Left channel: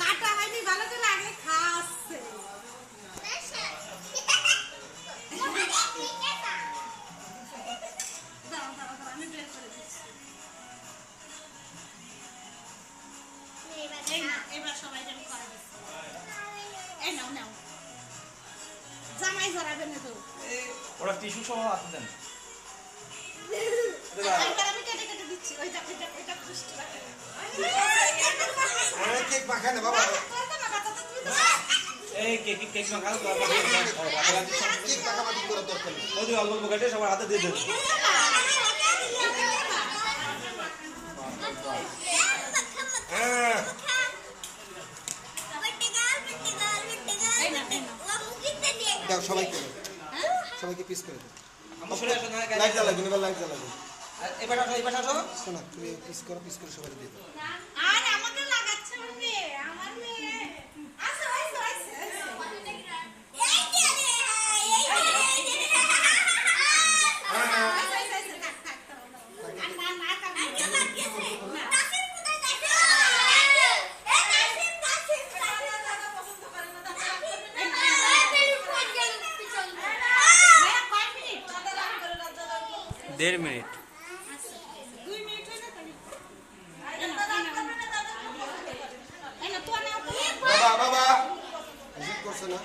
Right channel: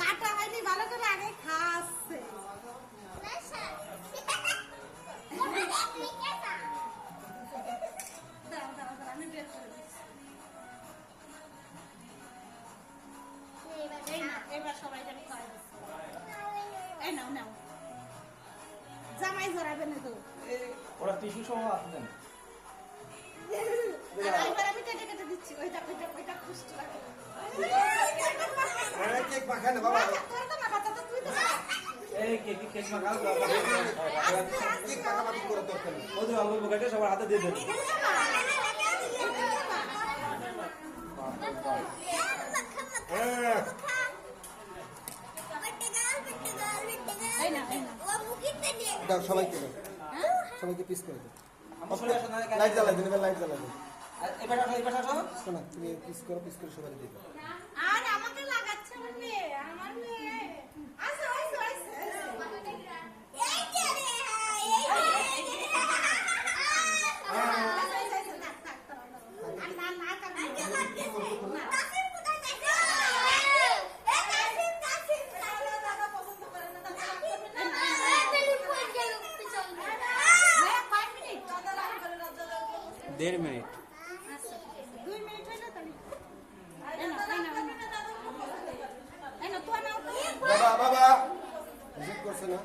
কাটা হয়নি ভালো করে আগে খাচ্ছে। দাও দাও দাও আমি বের করে দিচ্ছি। এই না এবার সবাই যেন খাওয়া দিচ্ছে। এই নাও নাও জামাই ধরাবে না তো ওরা টিস্যু সহ হাতে দেন। এবার আমি কেটে কেটে দিচ্ছি ওইটা ওইটা ওইটা খুশি রাখে আরে কেক মাখায় না বাবা তোর তো না বাতা তো তুই তো এই কেক মাখাও তো কেক মাখামাখি করে দরকার নেই ওই যে অল্প অল্প কেটে সবার হাতে দিয়ে দেন। হ্যাঁ দাও সবাইকে দাও সবাইকে পিস করে দাও আমরা সরে আসো না লাইট জ্বালাবে এবার লাইট জ্বালাবে এবার আসো এবার আসো। শোনা তুমি পিস করে সবাই দিয়ে দাও আর আমাকে লাগাচ্ছে মানে আমার মেয়ে আসো আসো আসো দেড় মিনিট 2 মিনিট হয়ে যাবে এনা তো নাও বাবা বাবা ভিজিট করছে না